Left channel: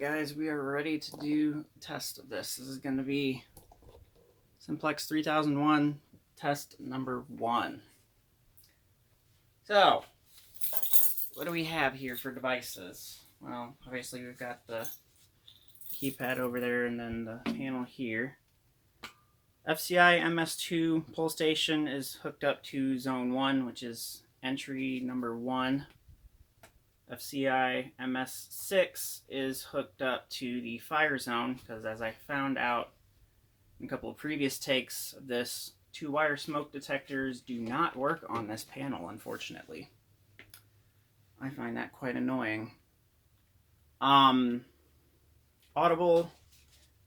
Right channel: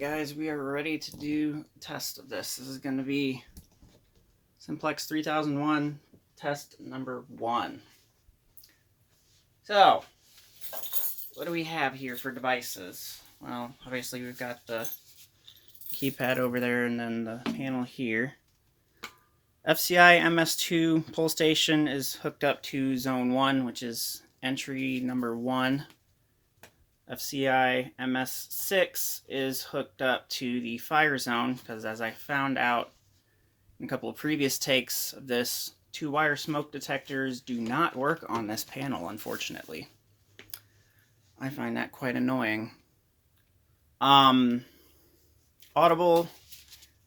Guys, we are ready to do a test of this. This is going to be Simplex 3001 test number 1. So, what do we have here for devices? Well, obviously we've got the keypad over there and then the panel here. FCI MS2 pull station is hooked up to zone 1, which is entry number 1. FCI MS6 is hooked up to the fire zone because, as I found out in a couple of previous takes of this, 2-wire smoke detectors do not work on this panel, unfortunately. I find that quite annoying. Audible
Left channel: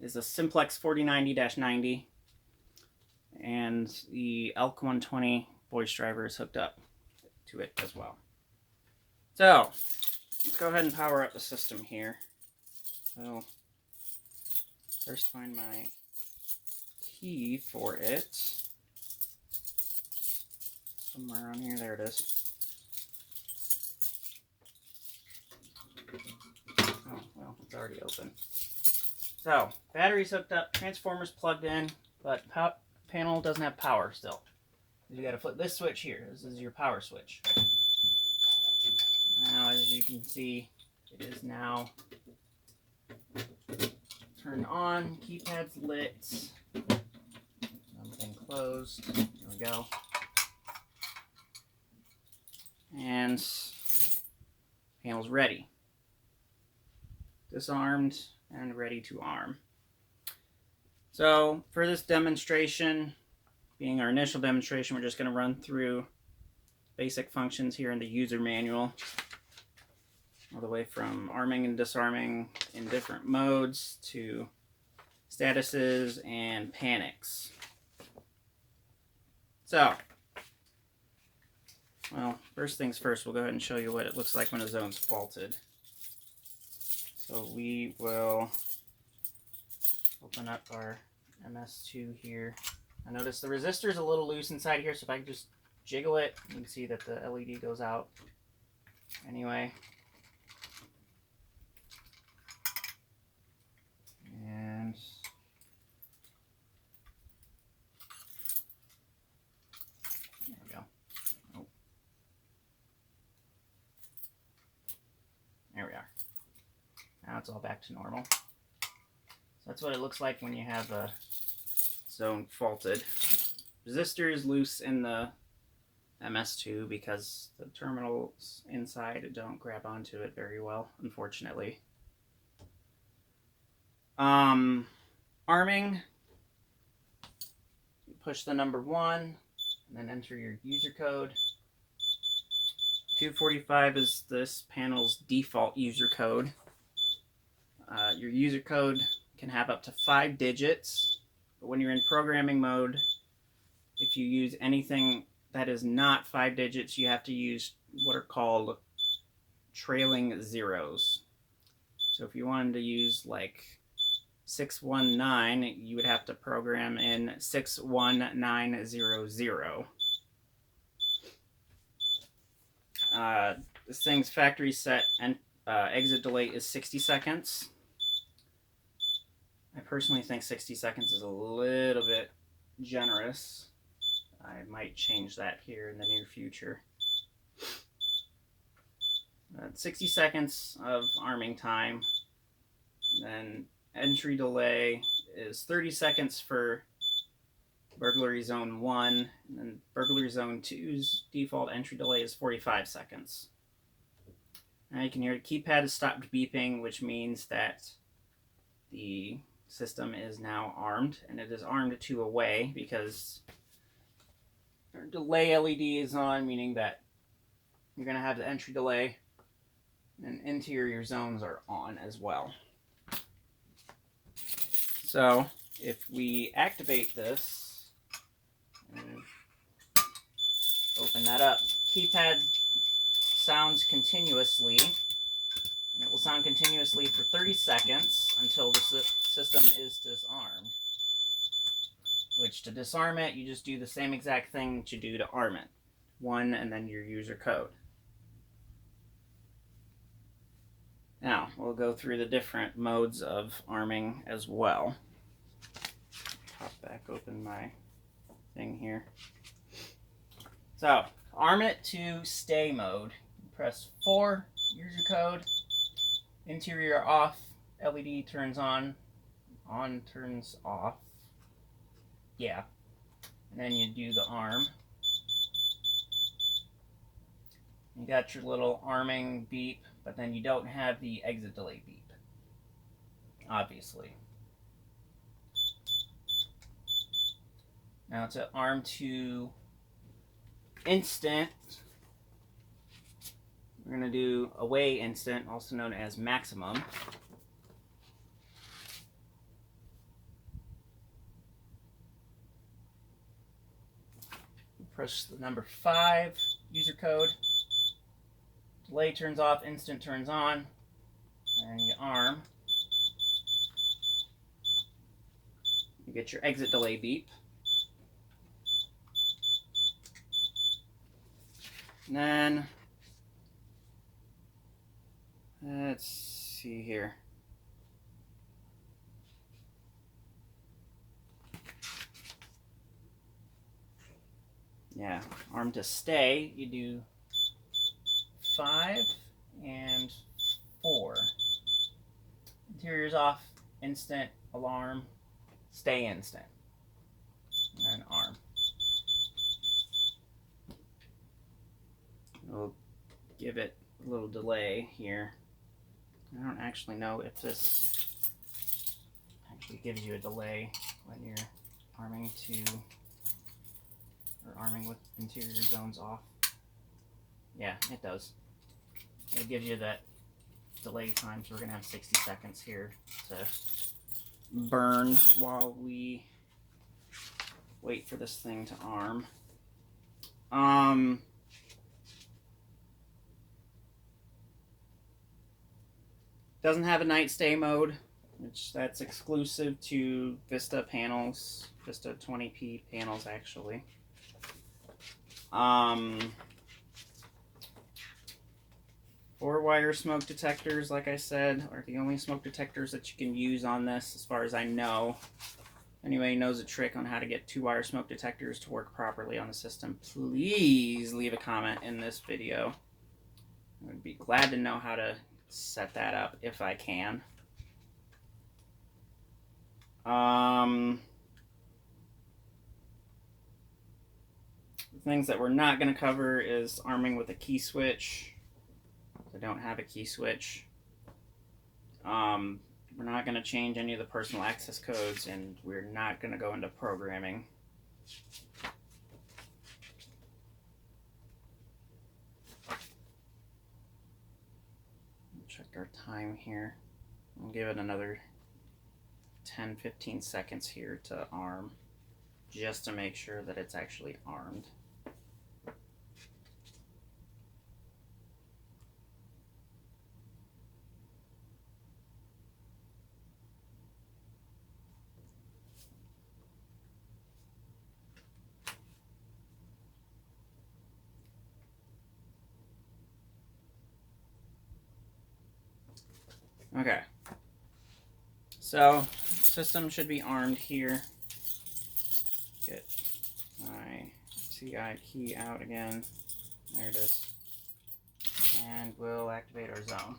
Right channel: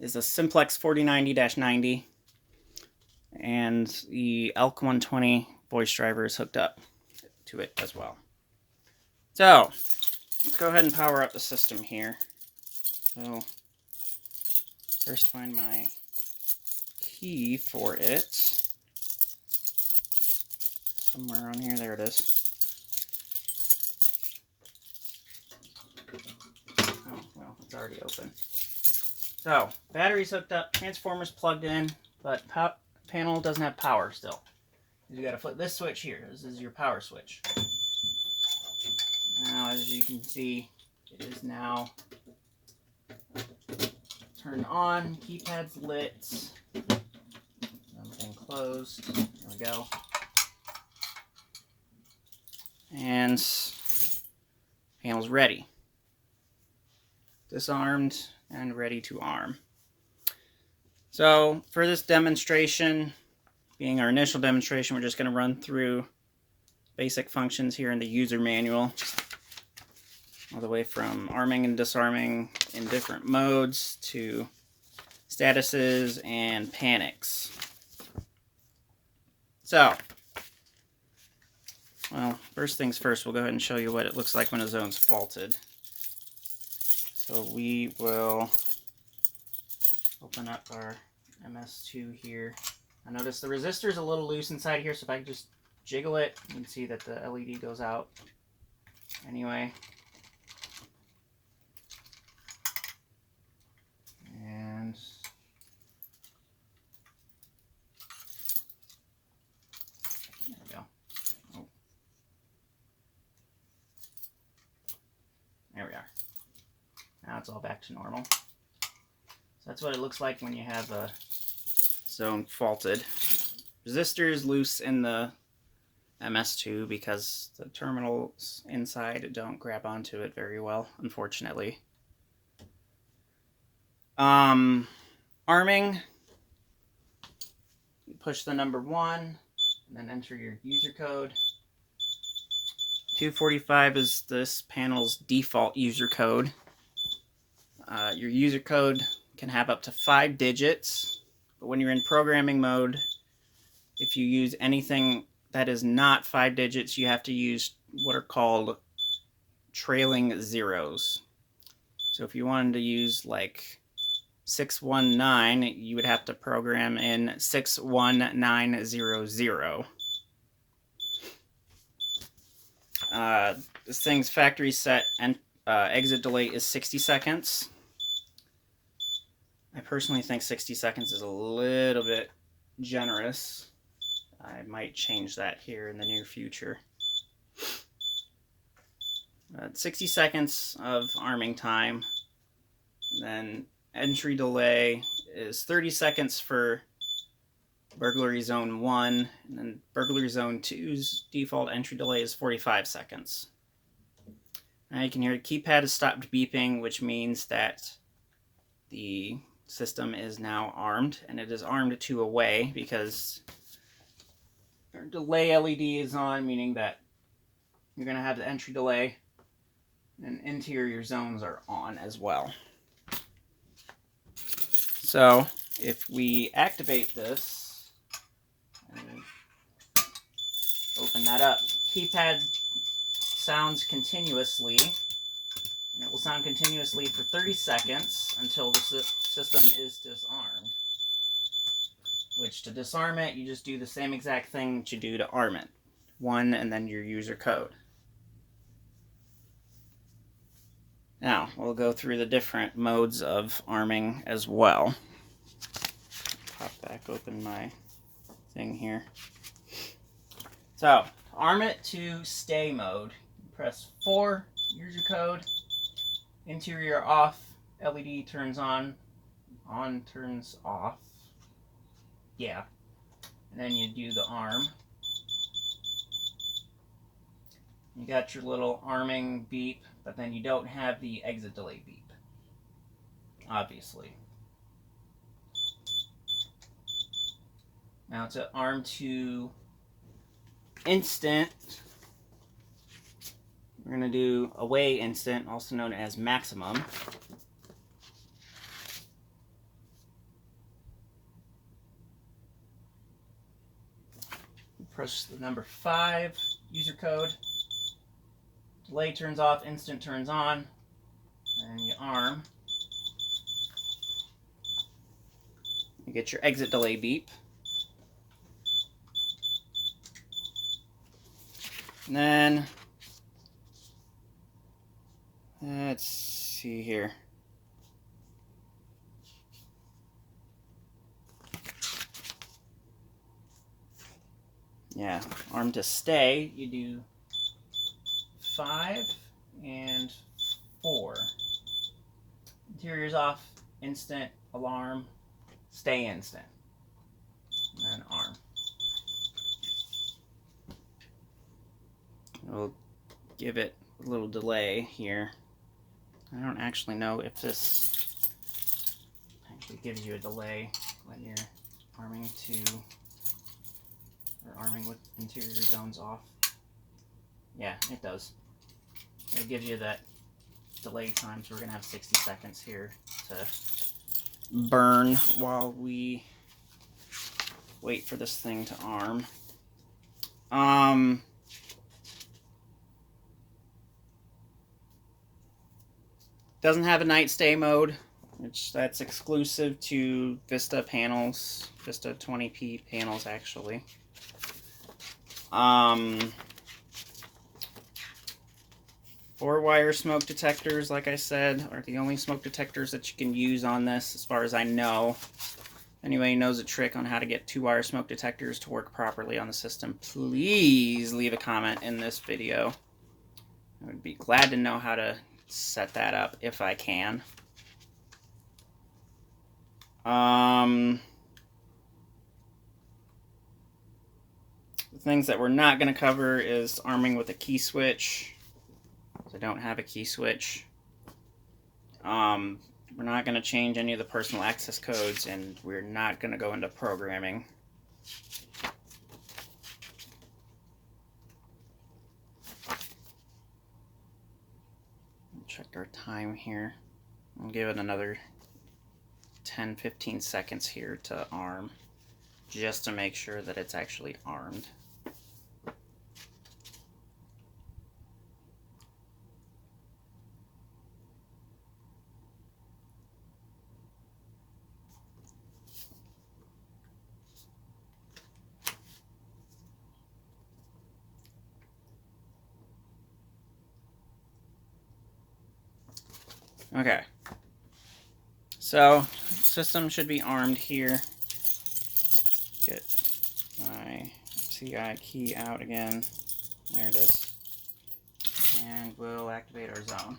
is a Simplex 4090-90, and the ELK 120 voice driver is hooked up to it as well. So, let's go ahead and power up the system here. So, first find my key for it. Somewhere on here, there it is. Oh, well, it's already open. So, battery's hooked up, transformer's plugged in, but panel doesn't have power still. You gotta flip this switch here. This is your power switch. Now, as you can see, it is now turned on. Keypad's lit. Everything closed. There we go. And panel's ready. Disarmed and ready to arm. So, for this demonstration, being our initial demonstration, we're just going to run through basic functions here in the user manual, all the way from arming and disarming in different modes to statuses and panics. So, well, first things first, we'll go ahead and show you what it looks like when a zone's faulted. So we will open up our MS2 here. I notice the resistor's a little loose inside here, so if I can just jiggle it, you can see that the LED goes out anyway. And there we go. Oh. There we are. Now it's all back to normal. So that's what it looks like when you have a zone faulted. Resistor is loose in the MS2 because the terminals inside don't grab onto it very well, unfortunately. Arming, push the number 1 and then enter your user code. 245 is this panel's default user code. Your user code can have up to 5 digits, but when you're in programming mode, if you use anything that is not 5 digits, you have to use what are called trailing zeros. So if you wanted to use like 619, you would have to program in 61900. This thing's factory set and exit delay is 60 seconds. I personally think 60 seconds is a little bit generous. I might change that here in the near future. 60 seconds of arming time. And then entry delay is 30 seconds for burglary zone 1. And then burglary zone 2's default entry delay is 45 seconds. Now you can hear the keypad has stopped beeping, which means that the system is now armed, and it is armed to away because our delay LED is on, meaning that you're going to have the entry delay, and interior zones are on as well. So if we activate this, and open that up, keypad sounds continuously, and it will sound continuously for 30 seconds until the system is disarmed. Which, to disarm it, you just do the same exact thing that you do to arm it. 1 and then your user code. Now, we'll go through the different modes of arming as well. Pop back open my thing here. So, arm it to stay mode. Press 4, user code, interior off, LED turns on turns off. Yeah. And then you do the arm. You got your little arming beep, but then you don't have the exit delay beep, obviously. Now to arm to instant, we're going to do away instant, also known as maximum. Press the number 5, user code. Delay turns off, instant turns on, and you arm. You get your exit delay beep. And then, let's see here. Yeah, arm to stay, you do 5 and 4. Interior's off, instant, alarm, stay instant, and then arm. We'll give it a little delay here. I don't actually know if this actually gives you a delay when you're arming to, or arming with interior zones off. Yeah, it does. It gives you that delay time, so we're gonna have 60 seconds here to burn while we wait for this thing to arm. Doesn't have a night stay mode, which that's exclusive to Vista panels, Vista 20p panels actually. 4-wire smoke detectors, like I said, are the only smoke detectors that you can use on this, as far as I know. Anybody knows a trick on how to get 2-wire smoke detectors to work properly on the system, please leave a comment in this video. I would be glad to know how to set that up if I can. The things that we're not going to cover is arming with a key switch. I don't have a key switch. We're not going to change any of the personal access codes, and we're not going to go into programming. Check our time here. I'll give it another 10-15 seconds here to arm, just to make sure that it's actually armed. Okay, so system should be armed here. Get my CI key out again. There it is. And we'll activate our zone.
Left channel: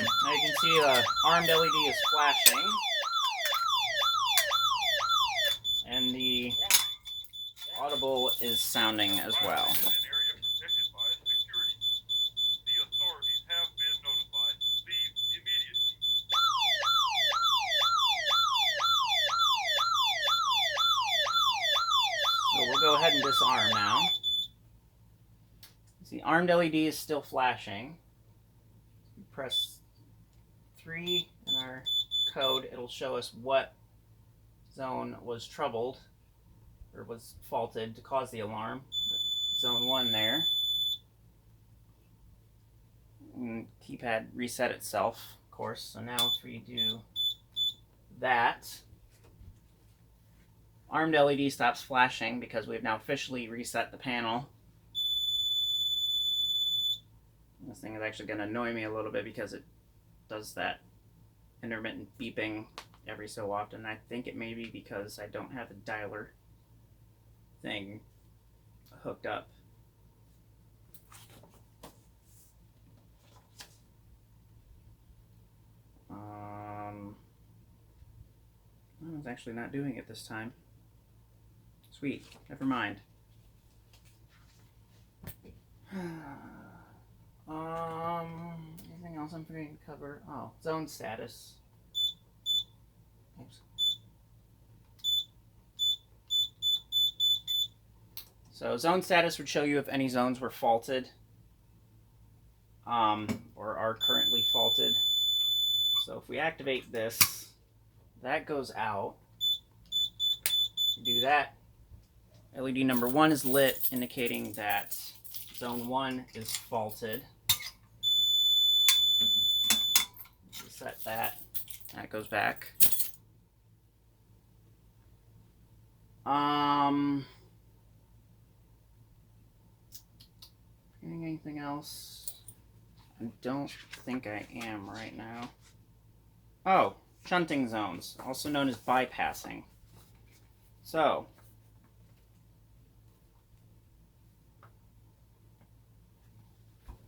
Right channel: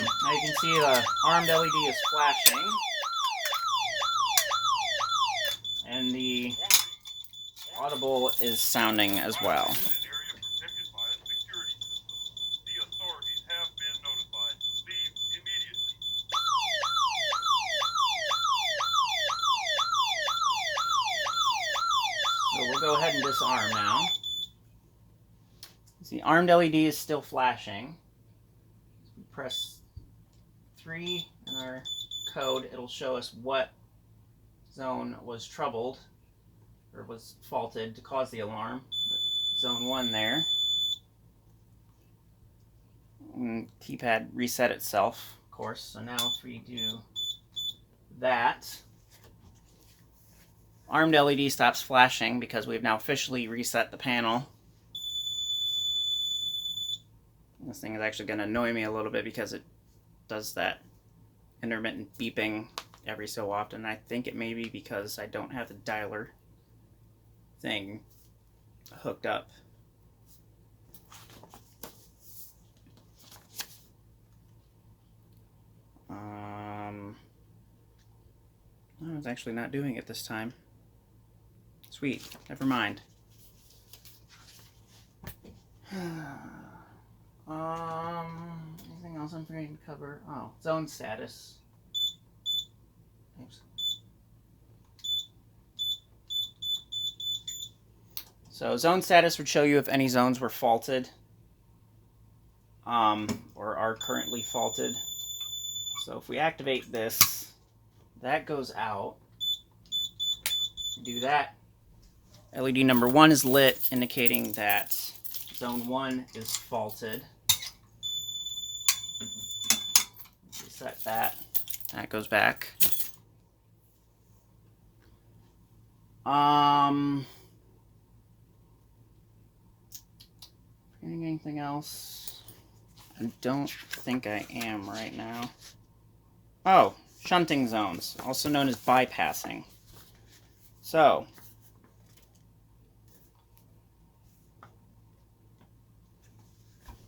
Now you can see the armed LED is flashing. And the audible is sounding as well. So we'll go ahead and disarm now. The armed LED is still flashing. We press 3 in our code, it'll show us what zone was troubled or was faulted to cause the alarm. Zone 1 there. And keypad reset itself, of course. So now if we do that, armed LED stops flashing because we've now officially reset the panel. This thing is actually going to annoy me a little bit because it does that intermittent beeping every so often. I think it may be because I don't have the dialer thing hooked up. No, it's actually not doing it this time. Sweet, never mind. Anything else I'm forgetting to cover? Oh, zone status. Oops. So zone status would show you if any zones were faulted, or are currently faulted. So if we activate this, that goes out. Do that. LED number 1 is lit, indicating that zone 1 is faulted. Reset that. That goes back. Anything else? I don't think I am right now. Oh, shunting zones, also known as bypassing. So,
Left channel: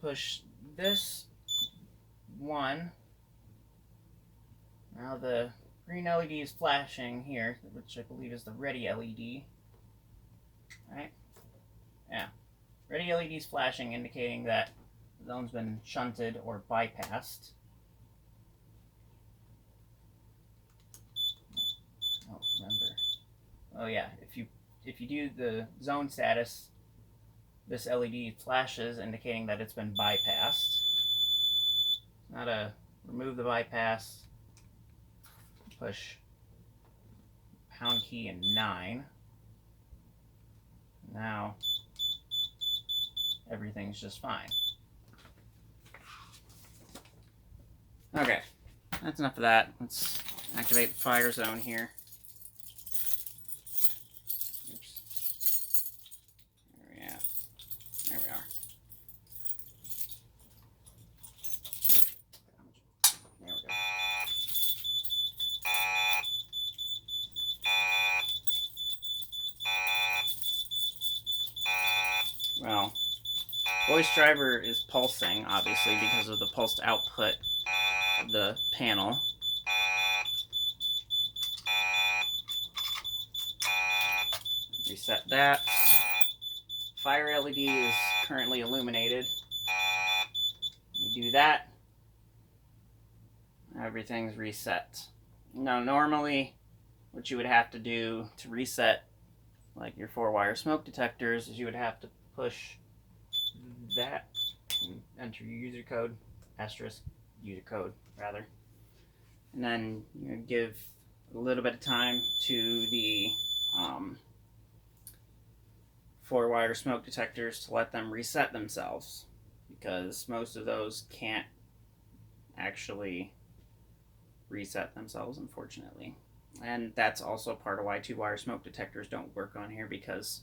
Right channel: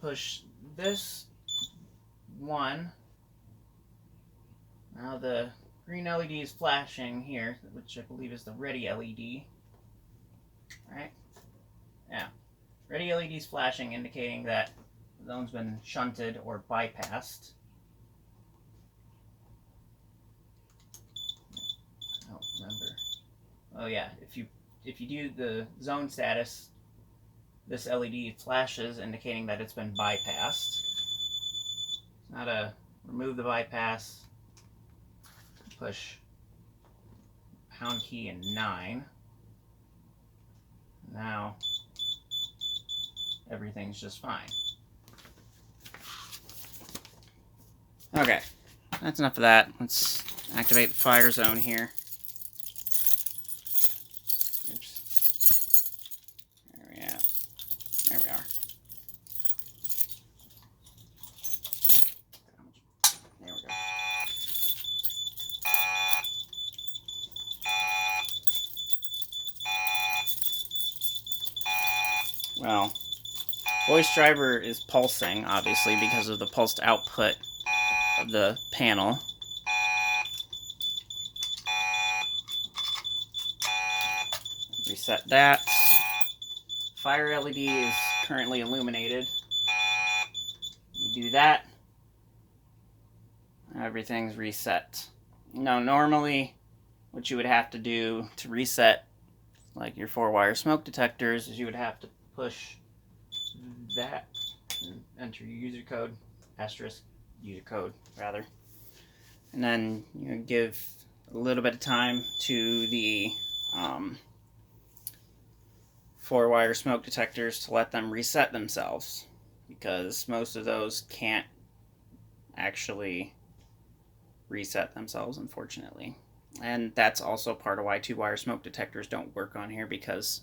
push this one. Now the green LED is flashing here, which I believe is the ready LED. Right? Yeah. Ready LED is flashing, indicating that the zone's been shunted or bypassed. I don't remember. Oh yeah, if you do the zone status, this LED flashes, indicating that it's been bypassed. Now to remove the bypass, push pound key and 9. Now everything's just fine. Okay, that's enough of that. Let's activate the fire zone here. Oops. Where are we at? There we are. There we go. Well, voice driver is pulsing, obviously, because of the pulsed output of the panel. Reset that. Fire LED is currently illuminated. We do that. Everything's reset. Now, normally, what you would have to do to reset, like your 4-wire smoke detectors, is you would have to push that and enter your user code, asterisk user code, rather. And then you give a little bit of time to the 4-wire smoke detectors to let them reset themselves, because most of those can't actually reset themselves, unfortunately. And that's also part of why 2-wire smoke detectors don't work on here, because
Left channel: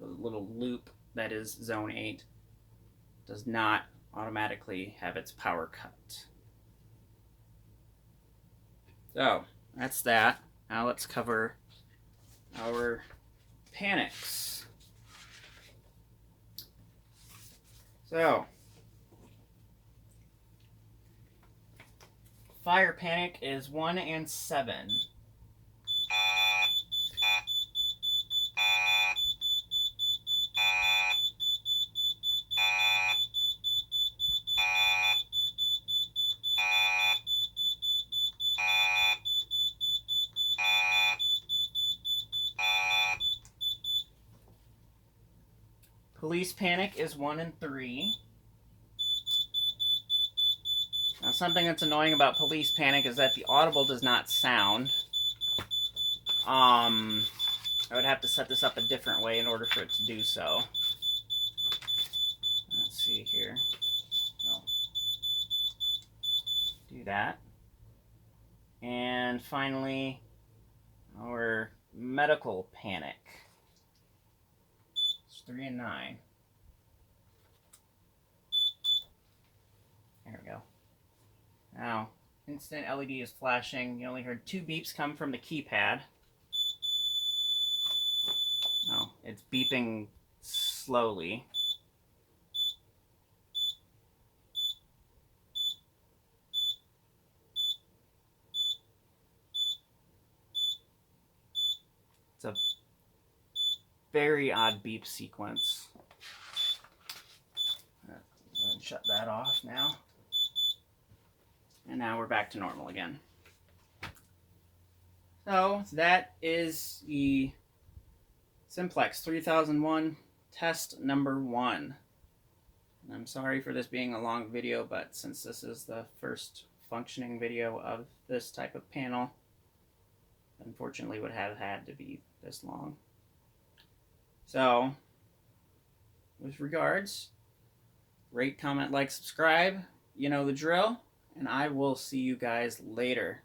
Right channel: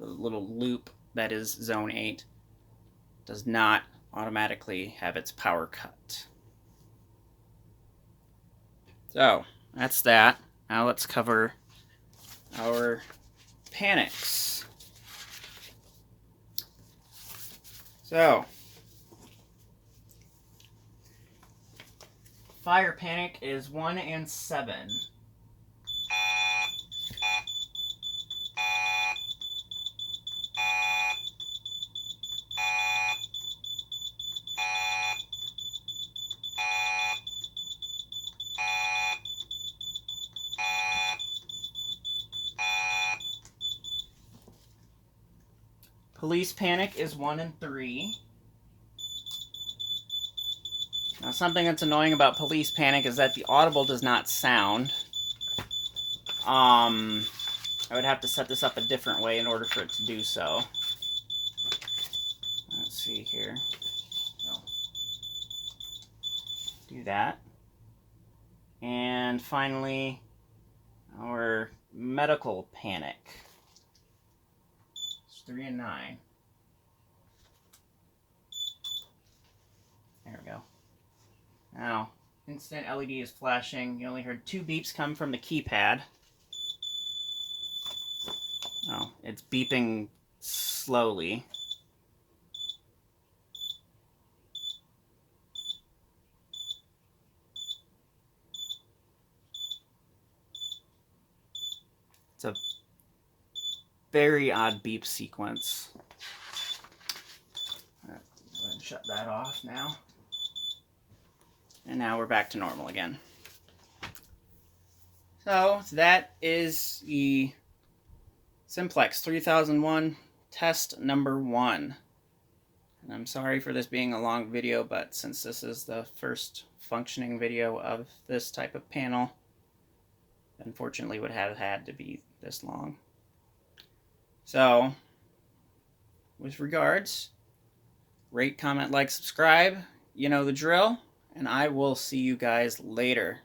the little loop that is zone 8 does not automatically have its power cut. So that's that. Now let's cover our panics. So, fire panic is 1 and 7. Police panic is 1 and 3. Now, something that's annoying about police panic is that the audible does not sound. I would have to set this up a different way in order for it to do so. Let's see here. So, do that. And finally, our medical panic. It's 3 and 9. instant LED is flashing. You only heard 2 beeps come from the keypad. Oh, it's beeping slowly. It's a very odd beep sequence. Go ahead and shut that off now. And now we're back to normal again. So that is the Simplex 3001 test number 1. And I'm sorry for this being a long video, but since this is the first functioning video of this type of panel, unfortunately would have had to be this long. So, with regards, rate, comment, like, subscribe. You know the drill, and I will see you guys later.